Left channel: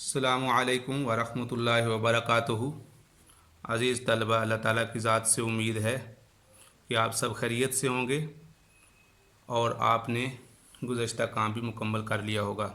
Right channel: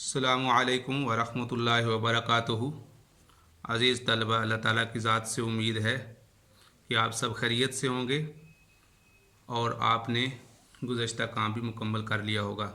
अस्सलामु अलैकुम वरहमतुल्लाहि वबरकातुहू। अज़ीज़ तलबा, अल्लाह ताला की ज़ात से उम्मीद है कि आप सब खैरियत से होंगे और आपने गुज़श्ता काम भी मुकम्मल कर लिया होगा।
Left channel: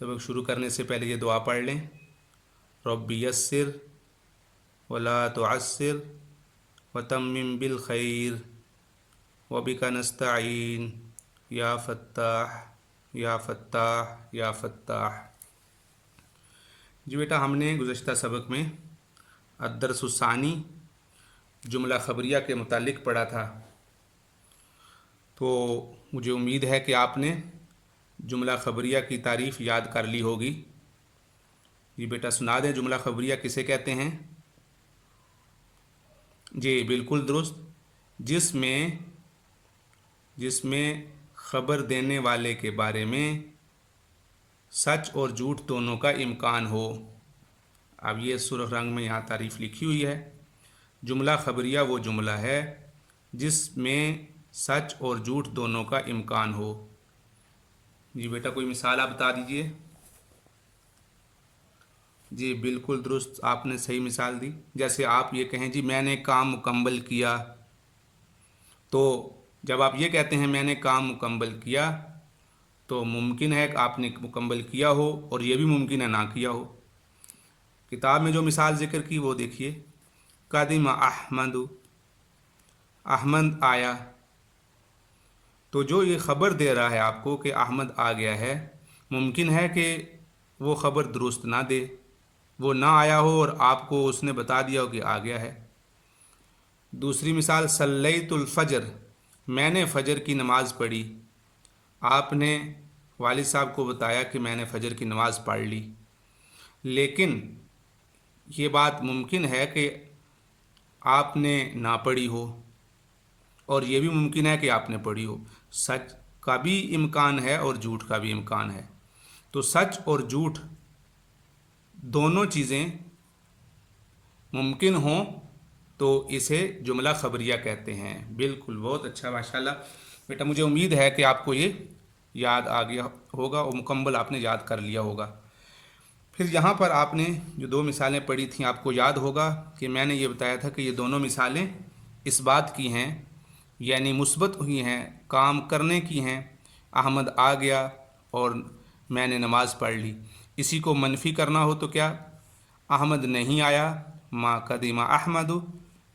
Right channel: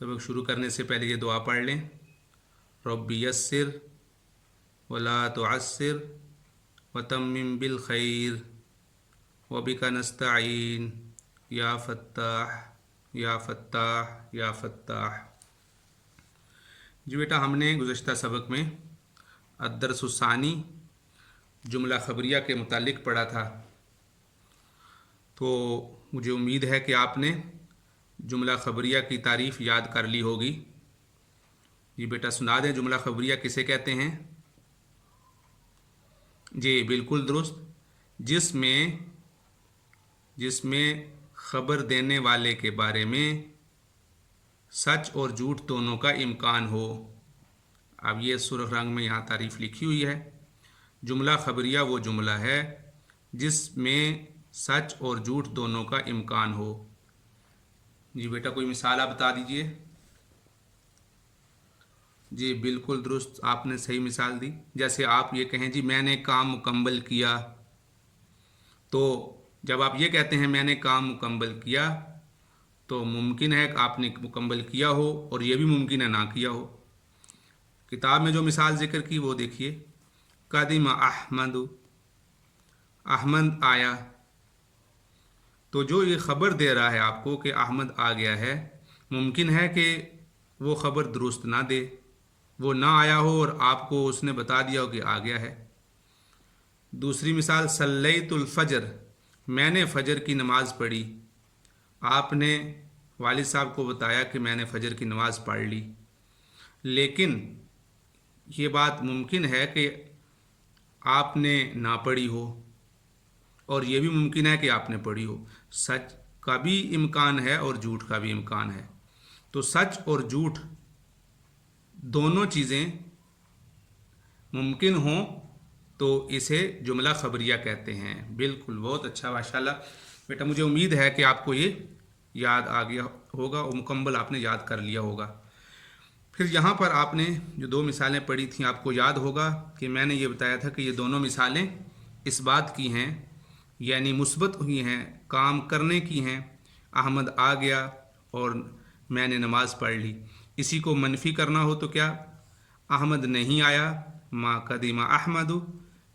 सबक शुरू करने से पहले ये दुआ पढ़ लें। रब्बी यस्सिर वला तुअस्सिर वतम्मिम बिल खैर वबिका नस्तईन या फ़त्ताह या फ़त्ताह या फ़त्ताह। जी बेटा, हमने गुज़श्ता सबक में अद्दरसुस्सानी जुमला ख़बरिया के मुतालिक पढ़ा था, तो मुझे उम्मीद है कि आपने जुमला ख़बरिया की तारीफ़ याद कर ली होगी। जी बेटा, सुना दें जुमला ख़बरिया किसे कहते हैं। जी बिल्कुल दुरुस्त, जिसमें ख़बर देने वाले के बारे में सच और झूठ दोनों का इम्कान हो। अब ये सुर्ख रंग में यहाँ तारीफ़ लिखी हुई है। जुमला ख़बरिया वो जुमला है जिसमें सच और झूठ दोनों का इम्कान हो। जी बेटा, कोई मिसाल आप बता दीजिए। जी बिल्कुल दुरुस्त, आपने सही मिसाल दी। जैसे आप ये कहें जी मैंने काम मुकम्मल किया, तो जब आप ये कहते हैं मैंने काम मुकम्मल किया, तो मुमकिन है कि आपने मुकम्मल किया हो और ये भी मुमकिन है ना किया हो। किताब में जो मिसाल ज़िक्र की वो देखिए। कदिम अहमद, अहमद आया, तो जो ये ख़बर दे रहा है आपको कि अहमद आ गया है, मुमकिन है कि वो ख़बर दुरुस्त ना दे, वो ना आया हो और आपको उसने बता दिया हो कि आ गया है। दूसरी मिसाल सल्लैतुल फ़जर, मैंने फ़जर की नमाज़ पढ़ी। आपने वालिद साहब को बताया कि मैंने फ़जर की नमाज़ पढ़ ली, लेकिन ये बात मुमकिन है कि आपने ना पढ़ी हो और ये भी मुमकिन है कि आपने पढ़ी हो। सच का भी इम्कान है और झूठ का भी इम्कान है। तो सच और झूठ दोनों चीज़ें मुमकिन हों तो इसे जुमला ख़बरिया कहते हैं। बिल्कुल, बहुत अच्छा, माशाल्लाह बेटा। मुझे उम्मीद है कि आपको ये याद आ गया होगा और मुकम्मल आपने याद कर लिया होगा। फिर यहाँ पर आपने जो दो मिसालें पढ़ी थीं, आपको याद होगा कि मैंने ये बताया था कि ये दोनों मिसालें इस बात की हैं, यानी मुस्बत हुई हैं, काम करने की हैं। अहमद आ गया और मैंने नमाज़ पढ़ ली। इसी को मनफी करना हो तो क्या, अहमद नहीं आया, मा कदीमा अहमदु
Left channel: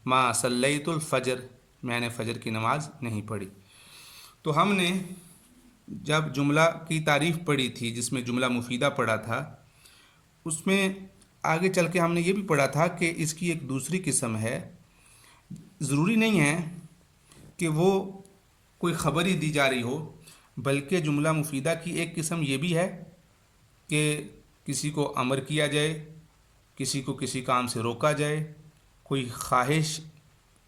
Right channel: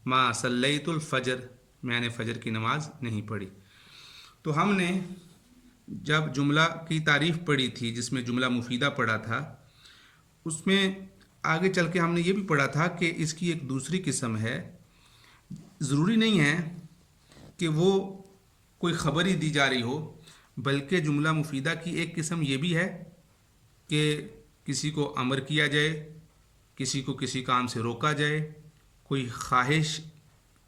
मा सल्लैतुल फ़जर, मैंने फ़जर की नमाज़ नहीं पढ़ी। तो हमने जब जुमला की तारीफ़ पढ़ी थी, जिसमें जुमला मुफीदा पढ़ा था, उसमें आगे चल के हमने ये भी पढ़ा था कि इसकी एक दूसरी किस्म है। ज़रूरी नहीं है कि वो कोई ख़बर ही दी जा रही हो, बल्कि जुमला मुफीदा की एक किस्म ये भी है कि किसी को अमर किया जाए, किसी को किसी काम से रोका जाए, कोई ख्वाहिश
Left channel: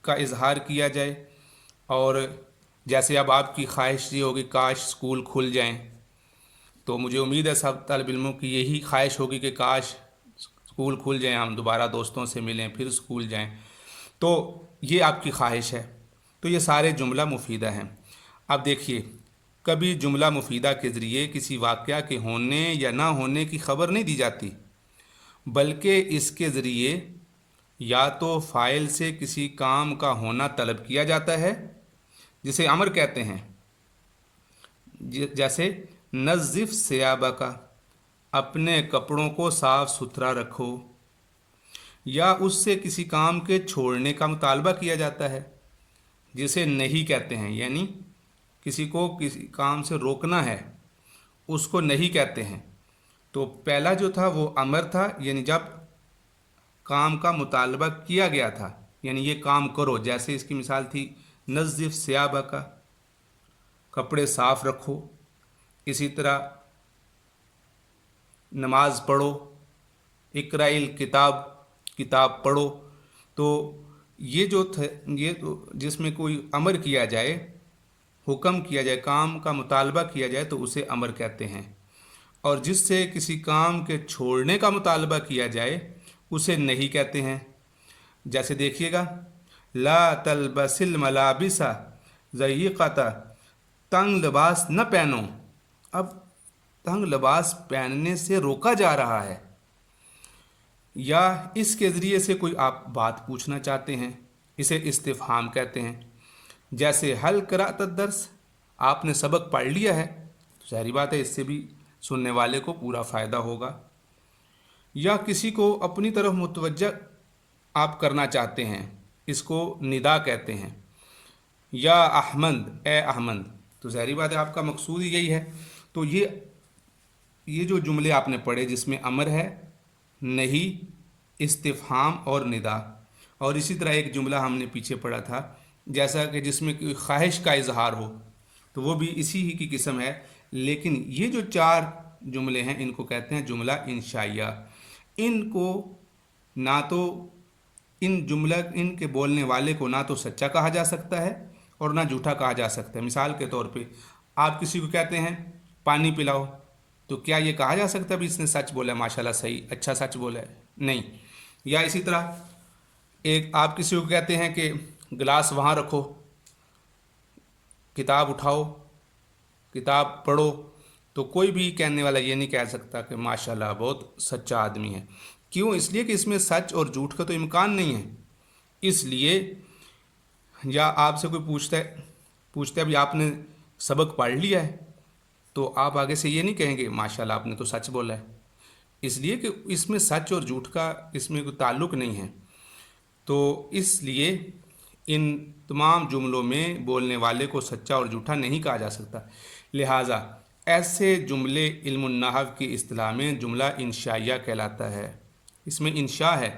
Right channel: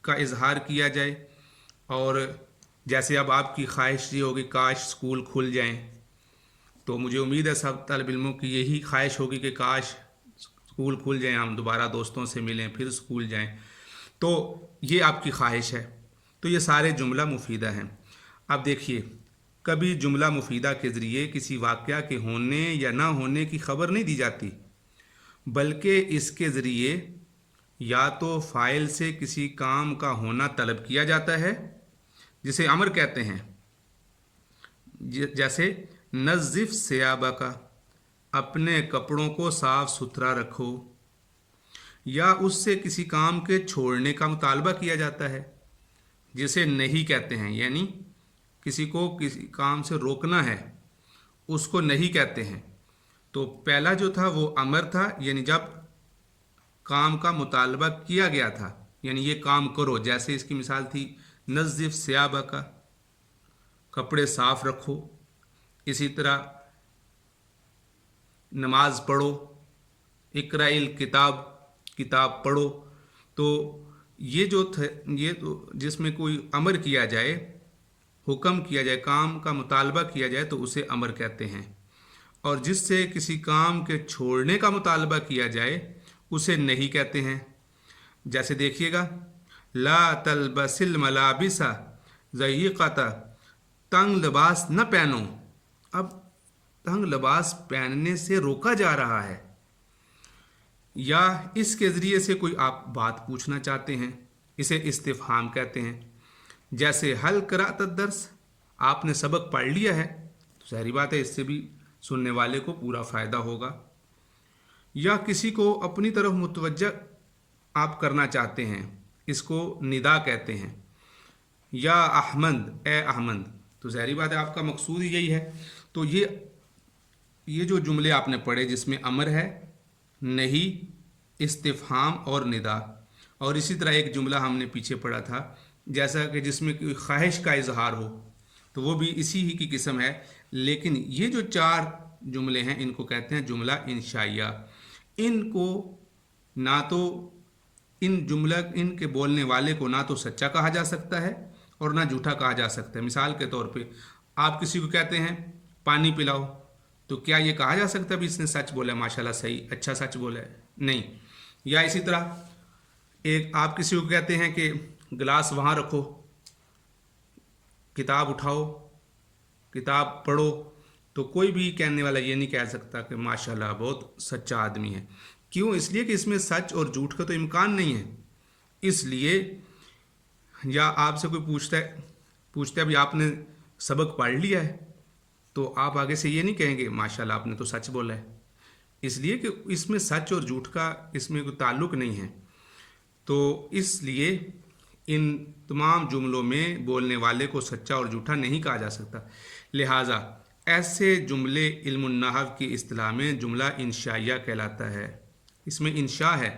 का इजहार किया जाए। और जैसे अब आपकी ख्वाहिश ये होगी काश स्कूल खुल जाएं, तो मुझे उम्मीद है सब तालिब इल्मों की यही ख्वाहिश होगी कि काश स्कूल खुल जाएं, हम दोबारा दोस्तों से मिलें, फिर स्कूल जाएं। तो ये आपकी ख्वाहिश है। तो ये सारे जुमला मुफीदा हैं। अब देखिए, कभी जुमला मुफीदा के ज़रिए किसी वाक़या के होने या ना होने की ख़बर नहीं दी जाती, बल्कि इसके ज़रिए या तो फ़ाइल से किसी काम का होना तलब किया जाता है, जिसे अमर कहते हैं। जैसे नज़िफ़ सियाबा का, अपने कपड़ों को साफ़ सुथरा रखो, या उससे किसी काम के छोड़ने का मुतालबा किया जाता है, जिसे नहीं कहते हैं, यानी किसी को किसी काम से रोकना है, उसको नहीं कहते हैं। तो पहला जो था वो अमर था, यानी जब काम का मुतालबा किया गया था, यानी ये काम करो। जैसे इसकी मिसाल थी नज़िफ़ सियाबा का, कपड़े साफ़ रखो। इसी तरह नमाज पढ़ो, इक़राइल किताब, किताब पढ़ो। तो ये जो थे, ये तो जिसमें कोई अमर किया जाए, हुक्म किया जाए, काम का मुतालबा किया जाए, तो उसे अमर कहते हैं। और जिससे किसी काम के छोड़ने का मुतालबा किया जाए, उसे नहीं कहते हैं। जैसे देखिएगा, ला तलबसिल मलाबिसा ज़य्यक़ता, तंग लिबास न पहनो। अब तंग लिबास पहनने से रोका जा रहा है, या इसके ज़रिए से कोई आप बात पूछना चाहते हैं, इसे इस्तिफ़हाम कहते हैं। जैसे हल क़राअत दर्स, आपने सबक पढ़ लिया है, तो ज़ाहिर बात है इससे भी सुनने वाले को पूरा फ़ायदा होगा। या किसी को अपनी तरफ मुतवज्जा आप करना चाहते हैं, इसको निदा कहते हैं। या अहमद, ए अहमद, तो ज़ाहिर बात है आपका मकसूद ही यही है। तो ये जो जुमले आपने पढ़े जिसमें अमर है, नहीं, इस्तिफ़हाम और निदा, और इसी तरह एक जुमला हमने पीछे पढ़ा था जैसा कि जिसमें ख्वाहिश का इजहार हो, तो वो भी इसी ही की किस्म है। लेकिन ये जो 4 जुमले हैं इनको कहते हैं जुमला इंशाइया। इनको ना तो इनके बोलने वाले को ना तो सच्चा कहा जा सकता है और ना झूठा कहा जा सकता है। मिसाल के तौर पे आप किसी को कहते हैं पानी पिलाओ, तो क्या ये कहा जा सकता है भी इसने सच बोला है, माशाल्लाह सही, अच्छा सच बोला है? नहीं। या इसी तरह एक आप किसी को कहते हैं कि गिलास वहाँ रखो, किताब उठाओ, किताब पढ़ो, तो कोई भी कहने वाला ये नहीं कह सकता कि माशाल्लाह बहुत सच्चा आदमी है। क्यों? इसलिए कि इसमें सच और झूठ का तो इम्कान नहीं है। इसलिए या आपसे कोई पूछता है अभी आपने सबक पढ़ लिया है, तो आप आगे से ये नहीं कहेंगे माशाल्लाह आपने तो सच बोला है, इसलिए कि इसमें सच और झूठ का इसमें कोई ताल्लुक़ नहीं है। तो इसलिए इन तमाम जुमलों में बोलने वाले को सच्चा और झूठा नहीं कहा जा सकता। लिहाजा ऐसे जुमले इल्मुन नहव की इस्तिलाह में जुमला इंशाइया कहलाता है। इसमें इंशा है।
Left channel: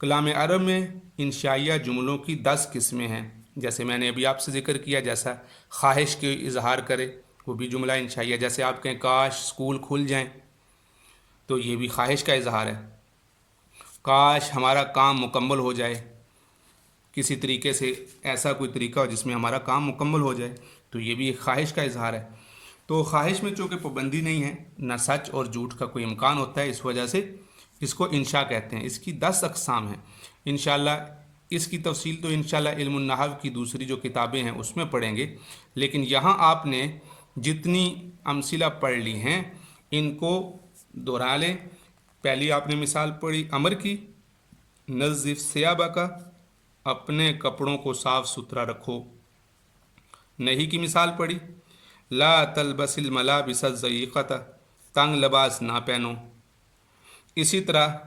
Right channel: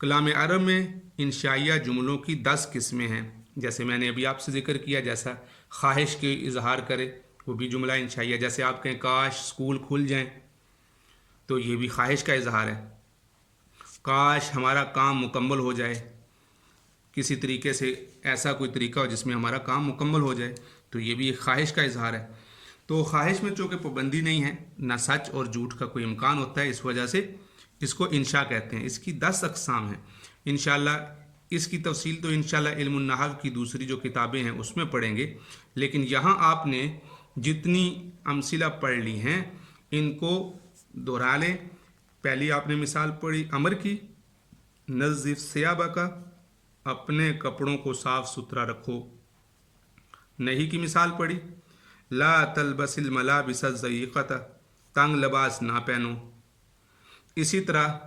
कलाम अरब में इंशाइया जुमलों की 10 किस्में हैं, जैसे मैंने अभी आपसे जिक्र किया। जैसा ख्वाहिश के इजहार करे वो भी जुमला इंशाइया। जैसे आप कहें काश स्कूल खुल जाएं, तो ये भी ख्वाहिश का इजहार है। काश हमारा काम मुकम्मल हो जाए, किसी तरीके से ऐसा कोई तरीका हो जिसमें हमारा काम मुकम्मल हो जाए, तो ये भी एक ख्वाहिश का इजहार है। तो ख्वाहिश में चूँकि पाबंदी नहीं है, ना सच और झूठ का कोई इम्कान होता है, इस वजह से इसको इंशा कहते हैं। इसकी 10 अक़साम हैं। इंशाअल्लाह इसकी तफसील तो इंशाअल्लाह इल्मुन नहव की दूसरी जो किताबें हैं उसमें पढ़ेंगे। लेकिन यहाँ आपने जितनी अमसिला पढ़ ली हैं इनको दोहरा लें। पहली आपने मिसाल पढ़ी अमर की, नज़िफ़ सियाबा का, अपने कपड़ों को साफ़ सुथरा रखो। नहीं की मिसाल पढ़ी, ला तलबसिल मलाबिस ज़यक़त, तंग लिबास ना पहनो। इसी तरह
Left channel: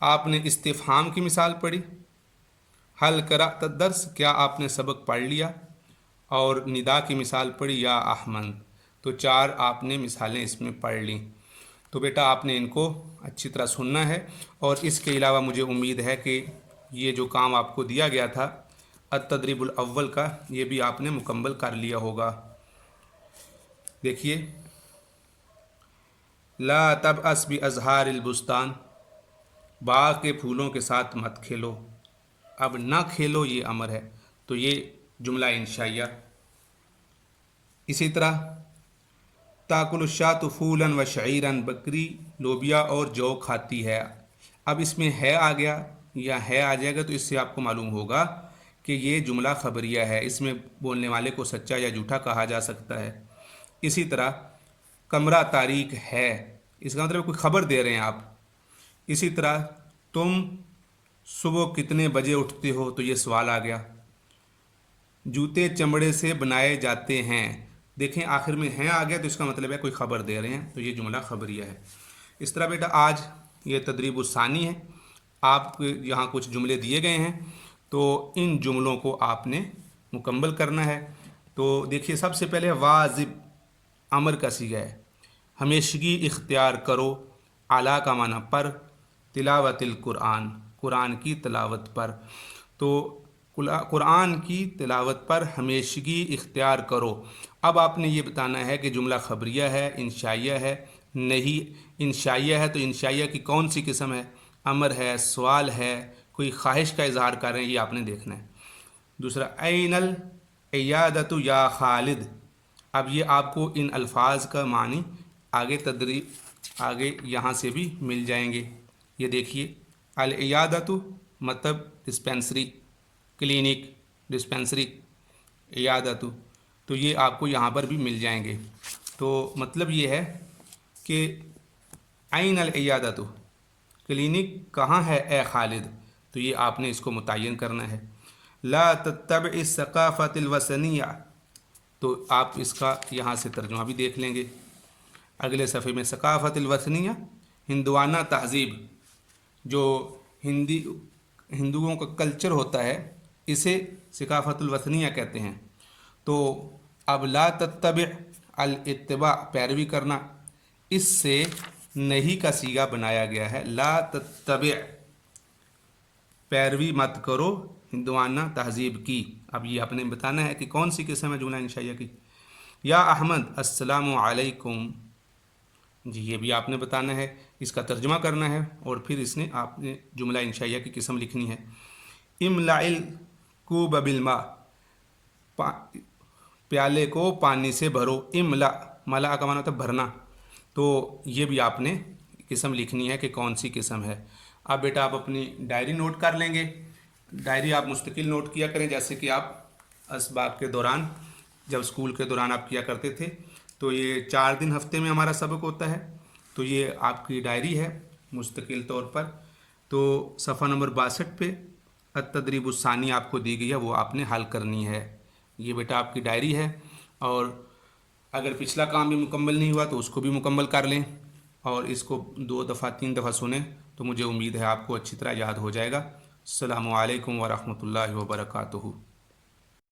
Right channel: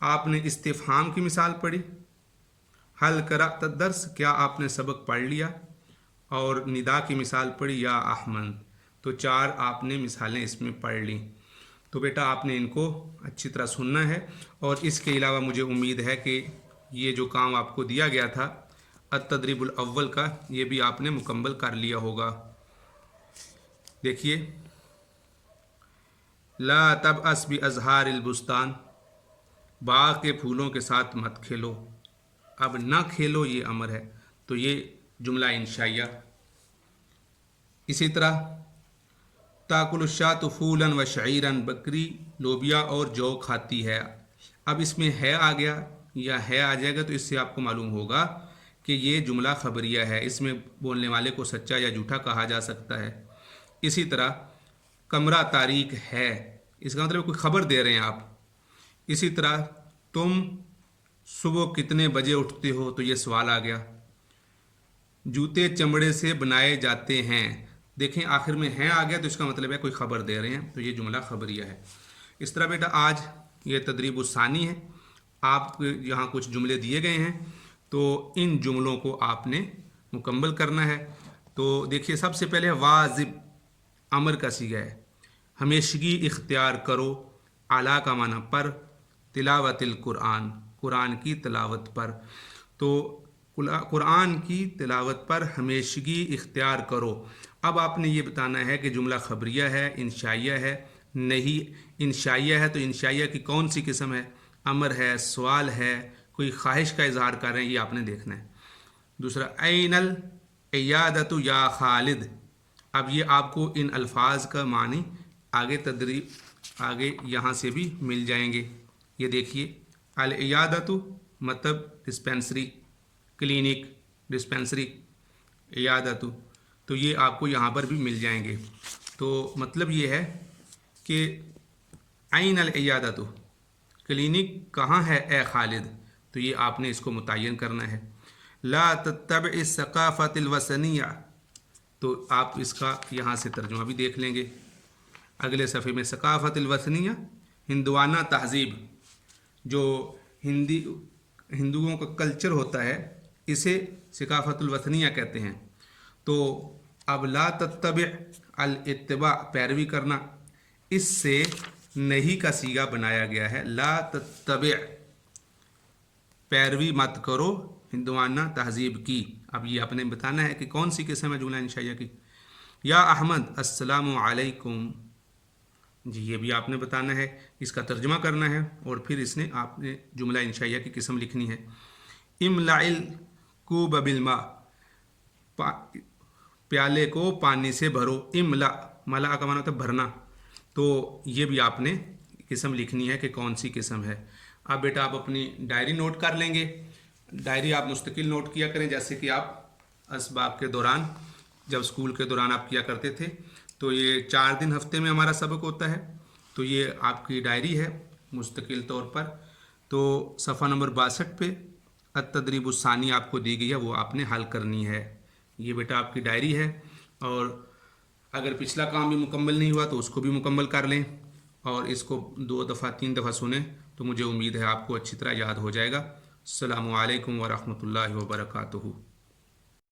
आपने इस्तिफ़हाम की मिसाल पढ़ी, हल क़राअत दर्स, क्या आपने सबक पढ़ लिया, और निदा की मिसाल पढ़ी, या अहमद। तो 4 आपने मिसालें इसमें पढ़ ली। तो बेटा आपने इनको अच्छी तरह सुनना है, और इसके अलावा मुझे उम्मीद है कि ये जो काम आपको दिया गया था अत-तदरीबुल अव्वल का, ये भी आपने मुकम्मल कर लिया होगा। देखिए, ला तबअस बि अज़हारिल बुस्तान, बाग के फूलों के साथ मत खेलो। अब ना खेलो ये अमर है, तो ये जुमला इंशाइया। इसी तरह ताकुलुश्शातु फूलन व शईरन, बकरी लोबिया और जौ खाती है। अब इसमें है आ गया या है आ जाएगा, तो इससे आपको मालूम होगा कि ये जुमला खबरिया है। इसमें बोलने वाले को सच्चा या झूठा कहा जा सकता है। इसी तरह कमरा तारीक है, इसका मतलब कोई खबर दे रहे हैं आप। इसी तरह तुम सुबह कितने बजे उठते हो, तो ये सवाल आ गया। जूते चमड़े से बनाए जाते हैं, देखें आखिर में हैं आ गया, तो इसका मतलब है कोई खबर दे रहे हैं, तो ये जुमला खबरिया है। इस तरह बेटा आज ये तदरीब सानी है। आप यहाँ कुछ जुमले दिए गए हैं, तो इन जुमलों को आपने मुकम्मल करना है। तो देखिए, सबसे पहले वाजिब अमर का सीगा है, हमेशगी इख्तियार करो। आला का माना पर, तिलावतिल कुरान, कुरान की तिलावत पर। तो कुरान की तिलावत पर हमेशगी इख्तियार करो। अब आपने ये बताना है कि जुमला खबरिया है, इंशाइया है। नहीं, इंशाइया है तो इंशाइया की कौन सी किस्म है, अमर है, सवाल है, कोई ख्वाहिश का इजहार कर रहे हैं, ये आपने देखना है। दूसरा, ऐनल इयादतु या खालिद। अब ये आपको इन अल्फाज का मानी आगे यहाँ से भी मिल जाएंगे। ये देखिए, अल इयादतु मतलब डिस्पेंसरी, क्लिनिक, डिस्पेंसरी, इयादतु, तो ये आपको यहाँ पर भी मिल जाएंगे। तो मतलब ये है کہ عین العیادۃ، کلینک کہاں ہے اے خالد، تو یہ آپ نے اس کو متعین کرنا ہے۔ لا تتبع الثقافۃ الوثنیہ، تو آپ اس کا یہاں سے ترجمہ بھی دیکھ لیں گے اگلے صفحے میں۔ ثقافت الوثنیہ، ہندوانہ تہذیب، جو ہندوؤں کا کلچر ہوتا ہے اسے ثقافت الوثنیہ کہتے ہیں۔ تو اب لا تتبع، الاتباع پیروی کرنا، اس سے نہیں کا صیغہ بنایا گیا ہے۔ لا تتبع، پیروی مت کرو ہندوانہ تہذیب کی۔ اب یہ آپ نے بتانا ہے کہ کون سی قسم ہے جملہ انشائیہ کی۔ یا احمد السلام علیکم، جی یہ بھی آپ نے بتانا ہے، اس کا ترجمہ کرنا ہے اور پھر اس نے آپ نے جملہ انشائیہ کی قسم لکھنی ہے۔ املأ الکوب بالماء، پیالے کو پانی سے بھرو۔ املأ، ملأ کا معنی ہوتا ہے بھرنا، تو یہ بھی آپ نے قسم لکھنی ہے کہ کون سی قسم ہے۔ اب بیٹا آپ اپنی ڈائری نوٹ کر لیں گے، ڈائری آپ مستقل نوٹ کیا کریں، جیسے کہ آپ اسباق کے دوران، جب اسکول کے دوران آپ کیا کرتے تھے۔ تو یہ 4 دن ہفتے میں ہمارا سبق ہوتا ہے، تو یہ آپ کی ڈائری ہے مستقل طور پر۔ تو صفحہ نمبر 62 پہ التدریب الثانی آپ کو دی گئی ہے، وہ آپ نے حل کرنی ہے۔ یہ بیٹا آپ کی ڈائری ہے، اور اگر پچھلا کام بھی مکمل نہیں ہوا تو اس کو بھی مکمل کر لیں، اور اس کو 2 دفعہ 3 دفعہ سنیں، تو مجھے امید ہے آپ کو اچھی طرح یاد ہو جائے گا۔ السلام علیکم ورحمۃ اللہ وبرکاتہ۔